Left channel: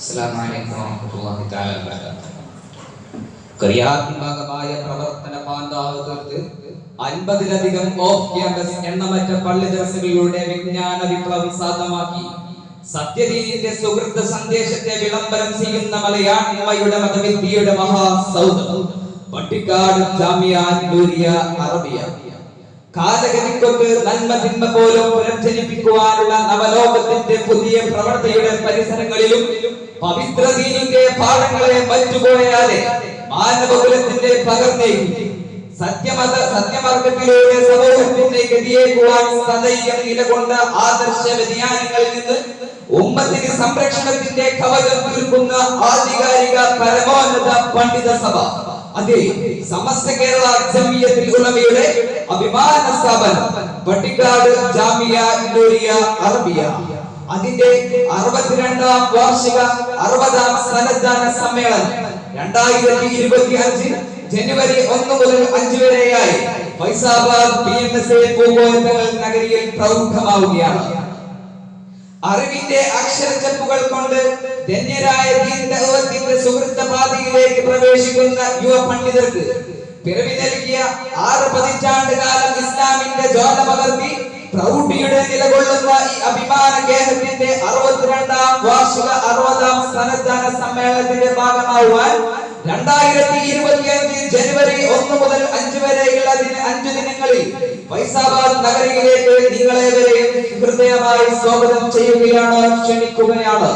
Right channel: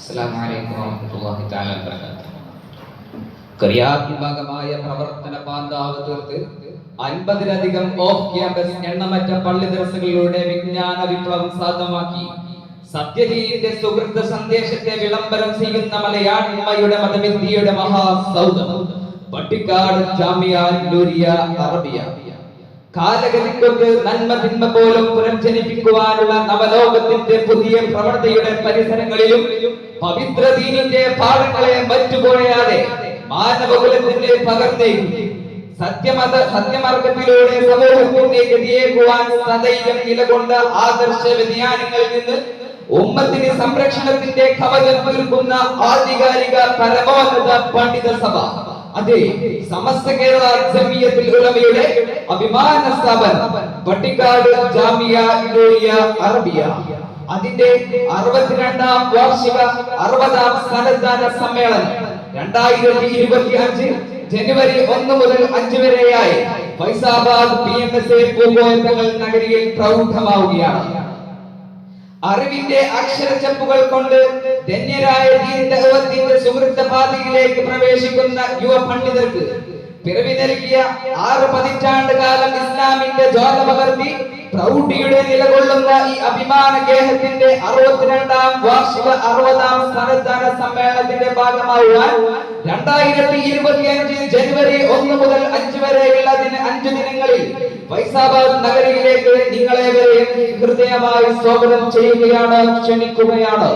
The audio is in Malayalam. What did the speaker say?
അസ്സലാമു അലൈക്കും വറഹ്മത്തുള്ളാഹി തആല വബറകാതുഹു. ക്രിയാത്മകമായ പ്രവർത്തന പാന്താവ് തീർത്ത് 50-ലധികം ഓഫ് ക്യാമ്പസ് എണ്ണമറ്റ പള്ളി ദർസുകളിലൂടെ വിജ്ഞാന വിപ്ലവം സാധ്യമാക്കി സത്യദീനിന്റെ സുഹൃത്ത് സന്ദേശത്തെ വിളംബരം ചെയ്യുന്ന മലയാളിയുടെ മതവിദ്യയുടെ മഹാസൗധം പട്ടിക്കാട് ജാമിഅ നൂരിയ അറബിയ. കാലഗതിക്കൊക്കെ നന്മ തിന്മ പോലും പുനർജനിപ്പിക്കുവാനുള്ള നവലോകത്തിന്റെ പുതിയ പ്രവൃത്തിയുടെ പരിസരങ്ങളിലും പവിത്ര ദീനിന്റെ പാഠങ്ങളെ മറ്റുപോയാതെ മാനവകുലത്തിന്റെ പകർന്നേക്കും സത്യമാർഗത്തിലൂടെ സമൂഹത്തിന്റെ ഗതിയേക്കുവാൻ സദൈവം നിലകൊണ്ട ആദർശ വ്യതിയാനങ്ങളിൽ നിന്ന് ഉമ്മത്തിന് സംരക്ഷണത്തിന്റെ കവചം തീർക്കുന്ന ആധികാരിക പരമോന്നത പണ്ഡിത സഭ, അതെ, സമസ്ത കേരള ജമിയത്തുൽ ഉലമയുടെ അഭിമാന സ്ഥാപനം പട്ടിക്കാട് ജാമിഅ നൂരിയ അറബിയ അതിന്റെ 62ാം വാർഷിക 60ാം സന്നദ്ധാന സമ്മേളനം 2025 ജനുവരി 1 മുതൽ 5 വരെയായി ഫൈസാബാദ് PMSA പൂങ്കോയത്തങ്ങൾ നഗരിയിൽ പ്രൗഢമാവുകയാണ്. അറിവിന്റെ അക്ഷരച്ചപ്പുകൾ കൊണ്ട് ധന്യരായ ദീനദഅവത്തിന്റെ സുഹൃത്ത പാതയിലേക്ക് പ്രവേശിക്കുന്ന യുവ പണ്ഡിതർക്ക് പിറവി നൽകിയ 6 പതിറ്റാണ്ട് കാലം ഇസ്ലാമിന്റെ ജ്വാല പകർത്തി പ്രൗഢിയുടെ നിലകൊള്ളുന്ന ഈ അഭിമാന കേന്ദ്രത്തിന്റെ 62ാം വാർഷിക 60ാം സന്നദ്ധാന സമ്മേളനത്തിന്റെ ഭാഗമായുവാൻ 2025 ജനുവരി 1 മുതൽ 5 വരെയുള്ള 5 ദിനങ്ങളിൽ ഫൈസാബാദ് നഗരിയിലേക്ക് നിങ്ങളേവരെയും ഹൃദയമായി സ്വാഗതം ചെയ്യുകയാണ്, ക്ഷണിക്കുകയാണ്.